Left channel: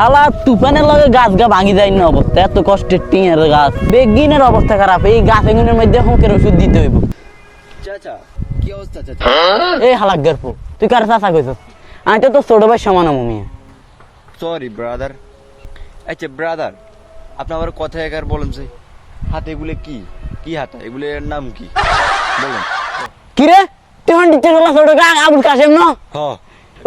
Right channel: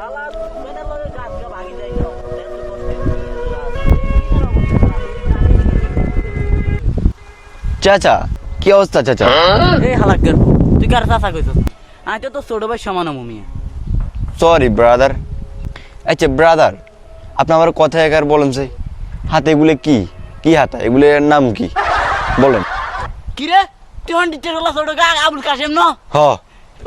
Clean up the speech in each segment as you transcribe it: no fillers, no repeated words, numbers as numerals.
হালা তুফানের লগে গাছ গা ভাঙি যায় না অবস্থা, এত কষ্টের টিনের গাছ, বেগিনের অবস্থা খারাপ, এই গাছ এগুনের মধ্যে হুঁকের ওষুধ দিতে হইব। চাচা কি অবস্থা চাচা? এই হালাকের তুই কার চাচা কইছ? আমি তো তোর ছোট ভাই সমান আমি। Sorry brother. আচ্ছা ব্রাদার, আপনি আমার কথা একবার বলেন সে হাতে এগুলো কি কি হাতা, এগুলোর নাম কি বলেন? কিরে তুই হান্ডি চলা ছোট গা আবুল কাশেম না? হ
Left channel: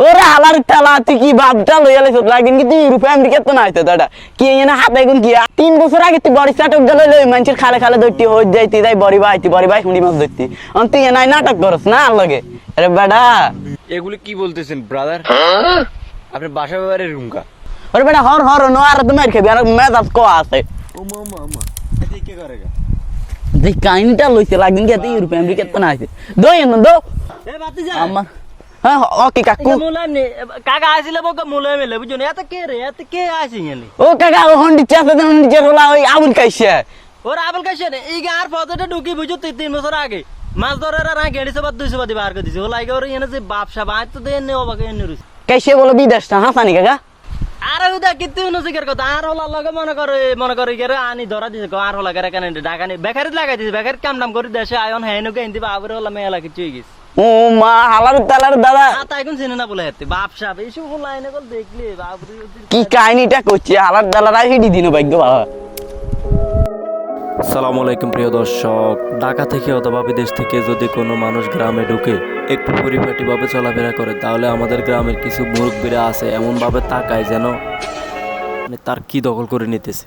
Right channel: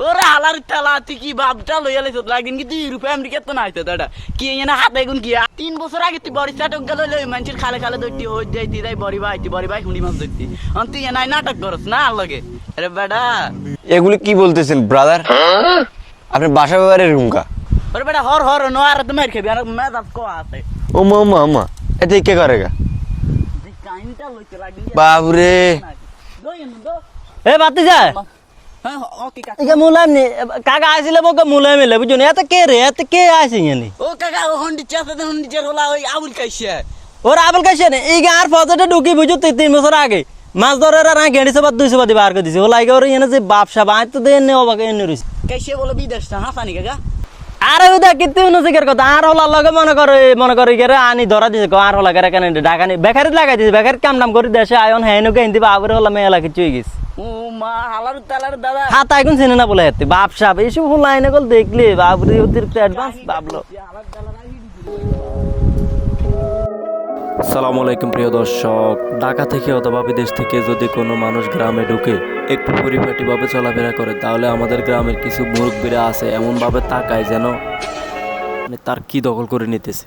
ওরে হালার তেলা তুই কি বাপটা লইয়া লাইছ লাগিন কি তুই রূপে আমেরিকা তো নাইতে দাদা কি এনে হাতে গুন কি 3 বছর আগে তুই বড়ি চাটক গেল লই মানুষের খালে খালে দইতি হই যাইতি তাই বড়ি ভাই হুঁড়ি মাছ দইতি অন তুই এনাই নাটক করছ না আর লাগে। আরে বেটা এগুলো কি বলতেছেন ব্রাদার? আপনি বাসা ব্যবহারে রুমকা? ওরে বেটা হর নো আর তুমি খাবি আর মেজাজ কো আছে। ও মা এতে কে করেগা? দেখ কাহিনীটা লইছে লাগিন কি বাপরে। দই না দো এ বাতি যা হ্যাঁ ওকে কাকু মুলাম নি কাকা আইছিলে মোক মুলাম মিলে বুঝুন এত কে রে এত কে আইছিস নি ও কাকা ও হন্ডি চাপে দেন হন্ডি চাপ হলা ওই আবুল কাইছে ওর আবল কাছে নে এই গার ফজতে ঢুকি বুঝু 3 বছর আগে মাছ ধরে আর গেড়ি সব 200 বাদি বার করে দিছে ও লাগে ওর এনে যে বাপসা বাই তো দেন নে ওবাকে এনে রইছে কাইছে বলে বিদেশটা হাসানি কাকা। আরে ওদা কিতে নসিকের কথা আর হলা লগে মনে করে গেরে আনি ধরা দিছে আর হলা গেরে কেন ঢাকানি বেকারে লাগাই দিছে বেকার কাম নাম করে দেশে আয়ন হেনু কে ইন্দি বাবরে হলা মেলা কিছু হই গেছে। ও মা হালার তালার দাদা হাত আইকুন চিনে না বলে এতে বাপসা এইসব হলা এনে কল দেখলে বাবরে ওদের কি কাহিনীটা করছি হালার দালার হিডি দিন ভাগ্য বাবা। আসসালামু আলাইকুম প্রিয় দর্শক, ঢাকা থেকে অথবা বিদেশ থেকে যদি কোনো মানুষ গ্রামে ঢুকে একটু পরিপাটিভাবে চলাফেরা করে তাহলে আমাদের গ্রামের কিছু মুরব্বীরা আছে এমনভাবে তাকায় যেন তার কি দখল করে নিতেছে।